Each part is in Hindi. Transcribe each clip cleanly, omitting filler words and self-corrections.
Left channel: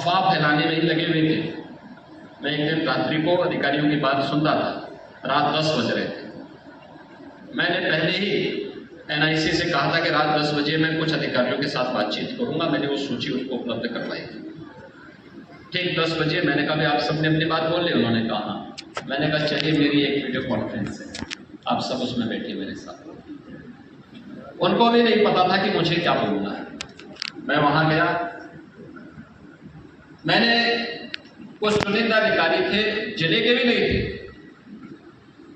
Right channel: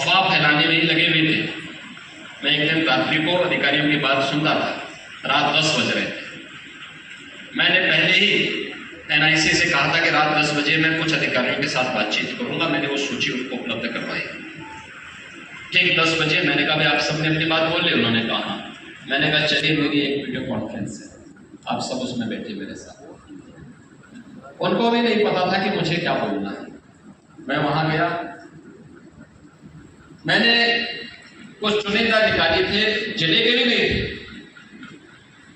अफवाह फैलाने में ही लगे हुए थे। मैं एक दिन रात्रि को अधिकारियों की बात सुनता था, रात 10 बज रहे थे। मैंने पहले ही NIC से कहा था कि रात 10 बजे मैं कुछ अधिकारियों के साथ बातचीत करूंगा। मैंने वो सूची उनको उपलब्ध करवाई। ठीक 10 बजे मैंने कहा, आप सबने अपनी बात बोल ली? उन्होंने कहा हाँ। मैंने कहा चलिए, मेरी एक वीडियो कॉन्फ्रेंस है, आप सब उसमें बैठे मेरे साथ। उनको भी नहीं पता था कि मुझे क्या बोलना है। मैं वहां गया, मैंने कुछ चुनिंदा अधिकारी थे, जिले के भी नहीं थे,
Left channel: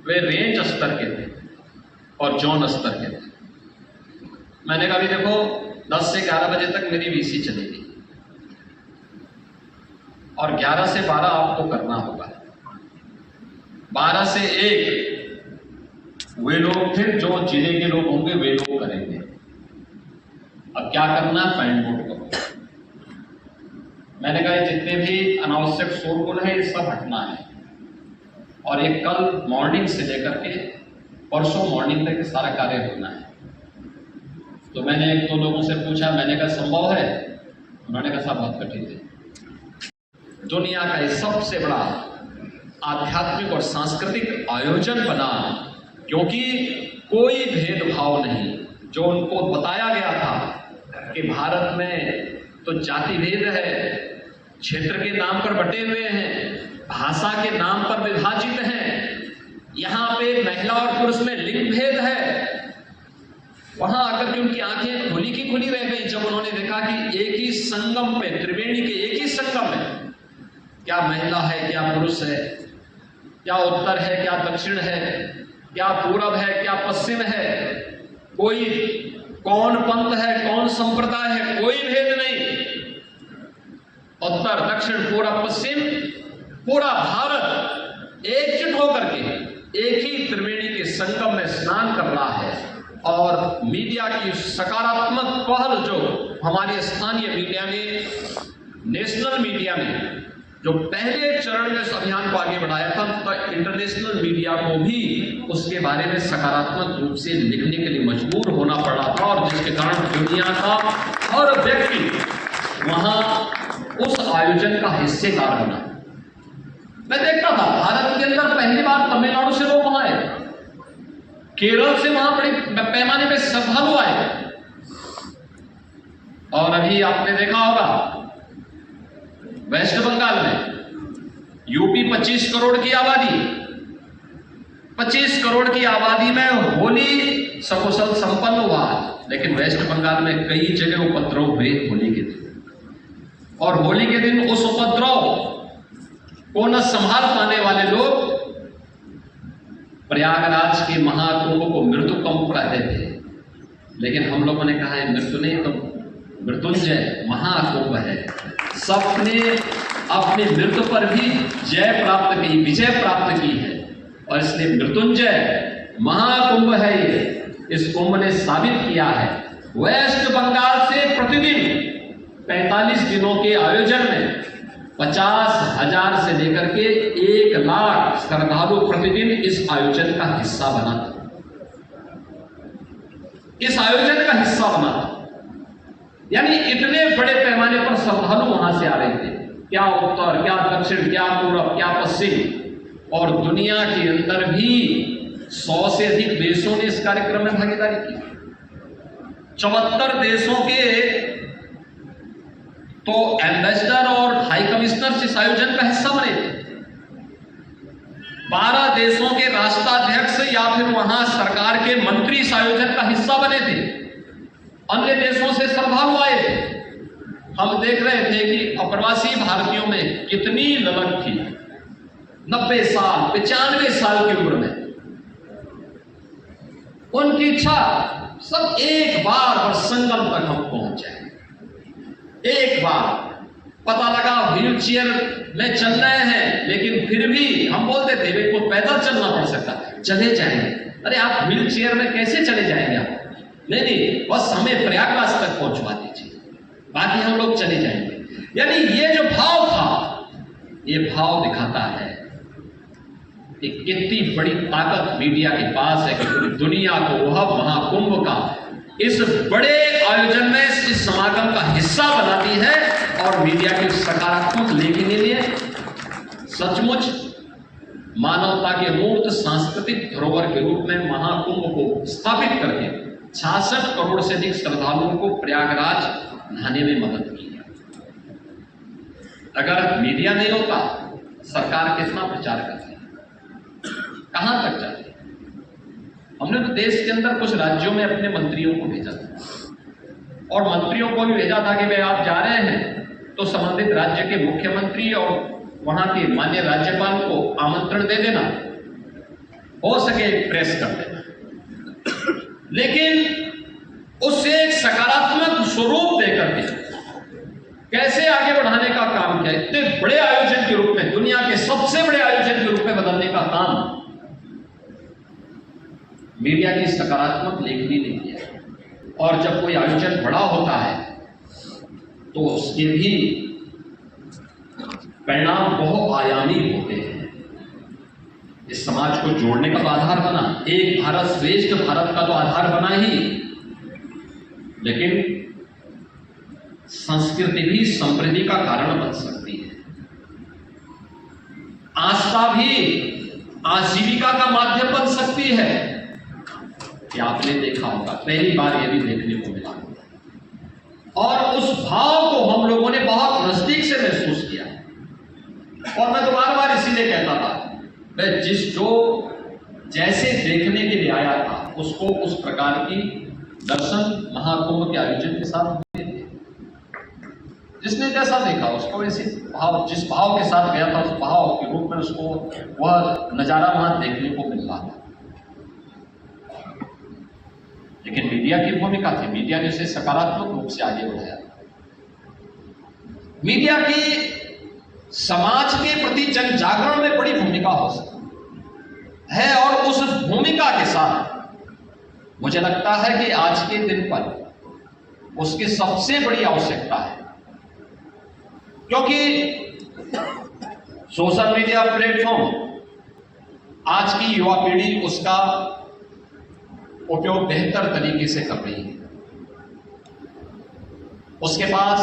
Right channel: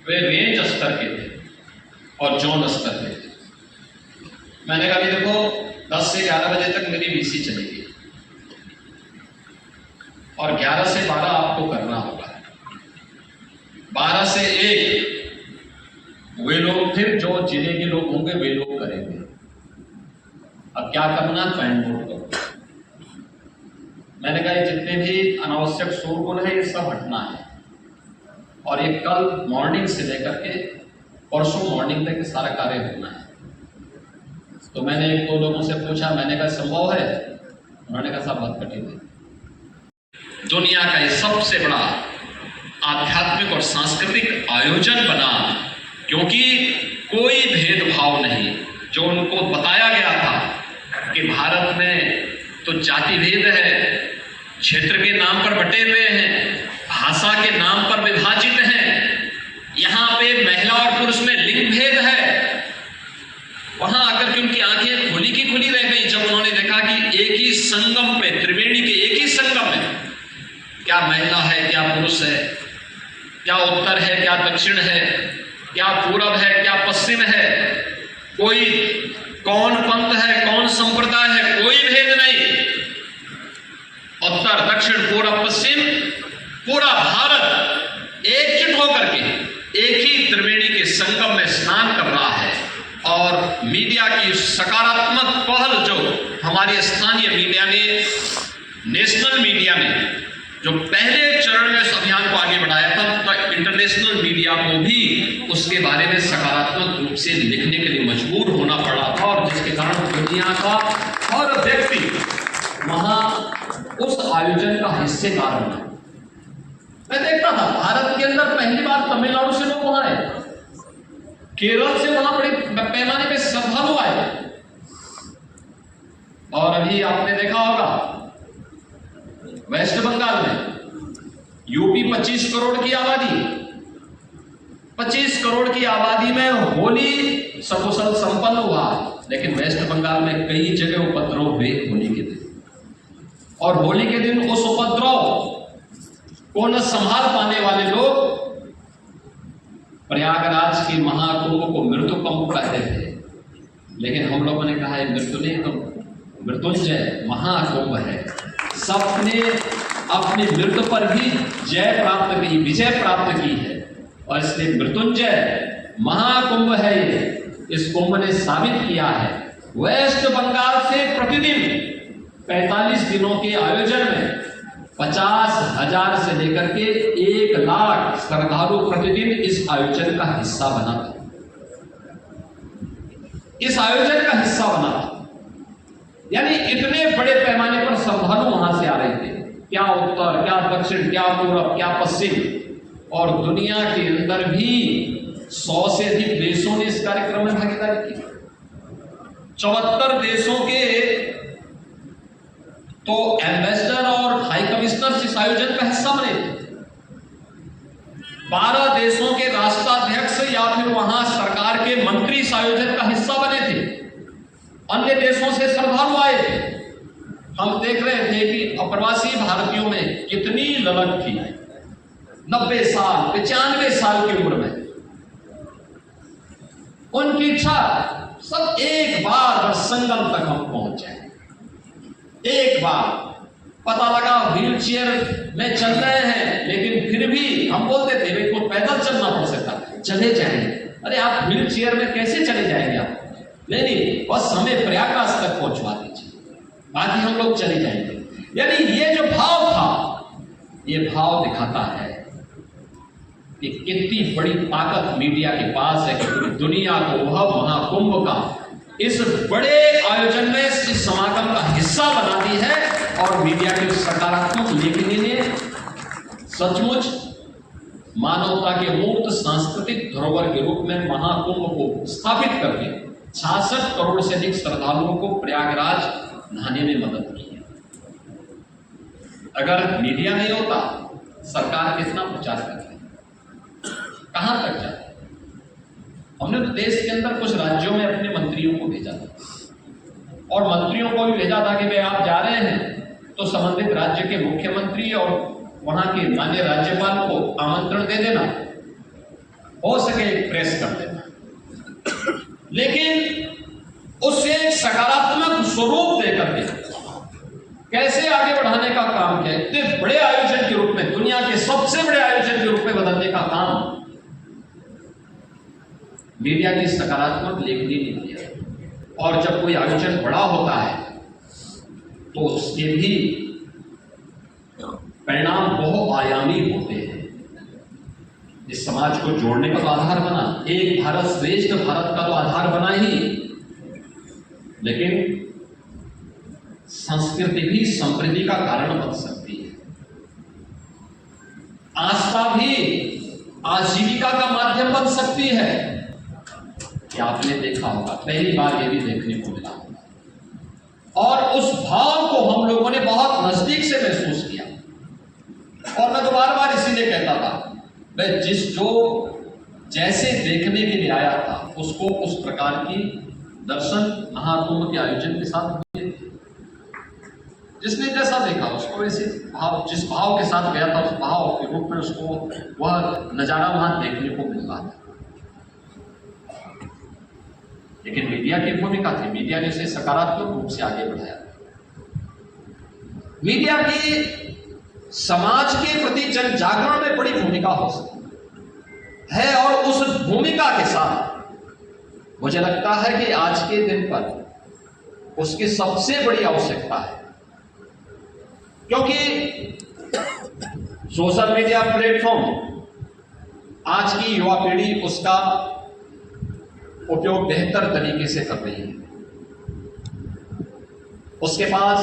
वे रेंज स्तर के थे और जोन स्तर के थे। मैंने कहा कि देखो 10 से 11 बजे तक मेरी VC चलेगी और 11 से 12 आपको करना होगा। 12 से 1 वे लोग, फिर जो जिले के लोग होंगे वे लोग करेंगे। अब क्या करना, फैन वोट करो। मैंने कहा जितने भी अनावश्यक शोरगुल है ये सब हटना है और ये कल मॉर्निंग से लेकर के परसों मॉर्निंग तक सारा कार्य होना है। तो मैंने 1-2 लोगों से पूछा, मैंने कहा संभव है? उन्होंने कहा साहब बहुत कठिन है। दुनिया का ये सबसे बड़ा आध्यात्मिक और सांस्कृतिक आयोजन बना, क्योंकि कोई भेदभाव नहीं। जो उनको बताया गया था कि भारत में तो जाति भेद है, क्षेत्र के नाम पर बटे हुए हैं, भाषा के नाम पर विभाजित हैं, यहाँ पे महिला और पुरुष में लिंग भेद है, वहां आकर के उनकी आंखें खुली की खुली रह गई जब उन्होंने देखा कि एक ही संगम पे, त्रिवेणी के एक ही संगम में, क्या महिला है, क्या पुरुष है, क्या उत्तर है, क्या दक्षिण है, क्या पूरब है, क्या पश्चिम है, कोई कौन पंथ है, कौन संप्रदाय है, कोई भेद नहीं। उत्तर दक्षिण पूरब पश्चिम पूरा भारत एकजुट होकर के एक ही त्रिवेणी के संगम में स्नान कर रहा है। और मीडिया की सकारात्मक पहल जो हमारे स्थानीय मीडिया में, नेशनल मीडिया में जो पहले चरण में इस अभियान को आगे बढ़ाया था, तो इंटरनेशनल मीडिया को भी उसके बारे में सकारात्मक रूप से लिखने के लिए मजबूर होना पड़ा था और जिसके कारण दुनिया का हर व्यक्ति वहां उस आयोजन का हिस्सेदार बना। मैं देखता था भारत के अंदर पहली बार तमिलनाडु से लोग वहां आए, केरल से वहां बड़े पैमाने पर श्रद्धालु आए। और अभी आपने देखा होगा वेस्ट बंगाल में यूपी 25 करोड़ की आबादी, 25 करोड़ की आबादी में होली सकुशल संपन्न हुआ, लेकिन वेस्ट बंगाल में कई जगह उपद्रव हुए होली के दिन। और होली के दिन उस उपद्रव को न संभाल पाने वाले लोग प्रयागराज के महाकुंभ को मृत्यु कुंभ कहते थे, लेकिन हम लोगों ने कहा है मृत्यु नहीं तो मृत्युंजय महाकुंभ है। सबने अपनी मृत्यु पर भी जय प्राप्त की, विजय प्राप्त की है और इसलिए मृत्युंजय महाकुंभ है ये। इस कुंभ ने साबित किया है वेस्ट बंगाल से प्रतिदिन 45 दिनों के आयोजन में 50,000 से लेकर के 1 लाख श्रद्धालु प्रतिदिन इस आयोजन का हिस्सा बना था, इस आयोजन का हिस्सा बना था। यानी इतने बड़े पैमाने पर श्रद्धालु वहां से आ रहे थे, क्या उत्तर, क्या दक्षिण, क्या पूर्व, क्या पश्चिम। और दुनिया के अंदर भी 100 से अधिक देशों ने इस कार्यक्रम में भागीदारी की। 74 देशों के तो एम्बेसडर और हाई कमिश्नर इस आयोजन का हिस्सा बने थे। 12 देशों के राष्ट्राध्यक्ष या फिर वहां सरकार के मंत्री इस आयोजन का हिस्सा बने थे। अन्य देशों से श्रद्धालु आए थे। हम देख रहे थे कि अप्रवासी भारतीयों में कितनी ललक थी। 90 साल 95 साल की उम्र में उनकी इच्छा सब एक बार बस संगम तक हम पहुंच जाए। एक बार पता लगा व्हील चेयर में चल रहे हैं, लेकिन फिर भी हम बोलते थे भाई को पैदल चलना पड़ सकता, चले जाएंगे। अरे आप व्हील चेयर में कैसे चले जाएंगे आप? नहीं, बस हमें प्रयागराज तक पहुंचवा दीजिए, बाकी हम लोग चले जाएंगे। यानी ये जो भाव था, ये भाव दिखाता है कि कितनी बड़ी ताकत मीडिया के पास है कि पूरी दुनिया को वह महाकुंभ का इस बड़े आयोजन में इस समागम का हिस्सा बनाती है और मीडिया की सकारात्मक लेखनी ने सचमुच मानवता के मुक्त सांस्कृतिक धरोहर के रूप में महाकुंभ को स्थापित करके 66 करोड़ से अधिक श्रद्धालुओं को प्रयागराज नहाने में मदद की है। अगर मीडिया नहीं होता, सरकार कितना प्रचार करती, कहां तक जाती? हमने तो देश के अंदर कुछ राज्यों में अपने मंत्रियों को भेजा था और मंत्रियों को भी भेजा था कि भाई आप जा रहे हैं तो संबंधित राज्य के मुख्यमंत्री और वहां के माननीय राज्यपाल को आमंत्रण दे देना, हो सके प्रेस कर देना, लेकिन उससे एक सकारात्मक स्वरूप देकर के कैसे आगे बढ़ाने का काम किया। इतने बड़े आयोजन के रूप में, दुनिया के सबसे बड़े आयोजन के रूप में बदलने का काम मीडिया की सकारात्मक लेखनी ने किया। और जब कोई आयोजन बड़ा होता है तो उसके भी परिणाम बहुआयामी होते हैं। इस समाज को जोड़ने का तो आधार बना, एक भारत श्रेष्ठ भारत का तो आधार बना ही, लेकिन संस्कृति भी समृद्धि का कारण बन सकती है। आस्था भी आजीविका का माध्यम बन सकती है। कि आपने देखा होगा, पहली बार यह भी देखने को मिला और उस भाव को हम लोगों ने बहुत नजदीक से महसूस किया। और मैं तो बार बार इसीलिए कहता था, मैं जो जैसे देखने के लिए आया था उसको उस प्रकार की दर्शन महाकुंभ के आयोजन के साथ हुए थे। जिसने जैसा देखा उसको वैसे भाव, जिस भाव के साथ गया था उस भाव के रूप में उसको वह नजारा वहां देखने को मिल रहा था। लेकिन मीडिया की भूमिका थी, मीडिया ने इसे सकारात्मक रूप से आगे बढ़ाया। मीडिया की समाज के प्रति जन जागरण में बड़ी भूमिका हो सकती है और उस भूमिका के साथ मुझे लगता है कि आज के दिन पर उसकी सबसे बड़ी आवश्यकता है, क्योंकि सोशल मीडिया प्लेटफॉर्म आज की युवा पीढ़ी उसका उपयोग बेहतर तरीके से कर रही है। उसके पास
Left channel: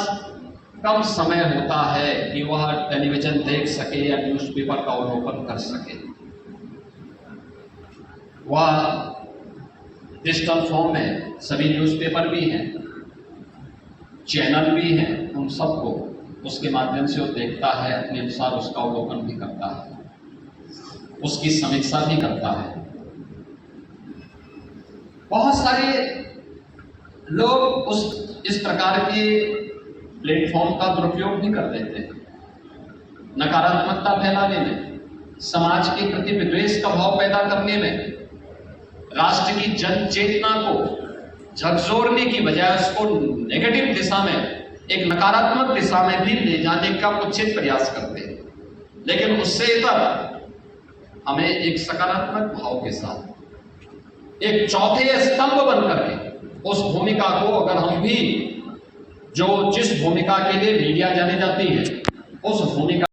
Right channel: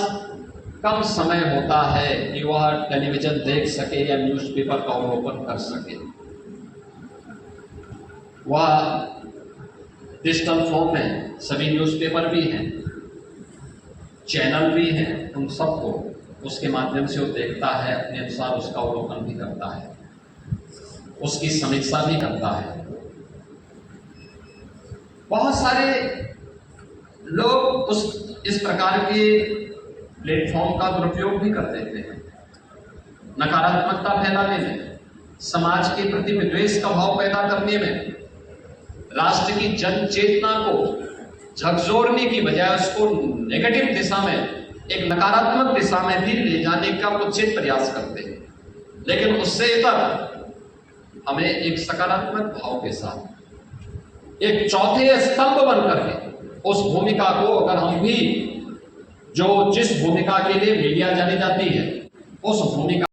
कम समय होता है कि वह टेलीविजन देख सके या न्यूज़पेपर का अवलोकन कर सके। वह डिजिटल फॉर्म में सभी न्यूज़पेपर भी हैं, चैनल भी हैं, उन सबको उसके माध्यम से वो देखता है, अपने अनुसार उसका अवलोकन भी करता है, उसकी समीक्षा भी करता है। बहुत सारे लोग इस प्रकार के प्लेटफॉर्म का दुरुपयोग भी कर देते हैं, नकारात्मकता फैलाने में, समाज के प्रति विद्वेष का भाव पैदा करने में, राष्ट्र की जन चेतना को झकझोरने की बजाय उसको नेगेटिव दिशा में, एक नकारात्मक दिशा में भी ले जाने का कुत्सित प्रयास करते हैं। लेकिन उससे इतर हमें एक सकारात्मक भाव के साथ एक चौथे स्तंभ बनकर के उस भूमिका को, अगर हम भी जिस भूमिका के लिए मीडिया जानी जाती है उस भूमिका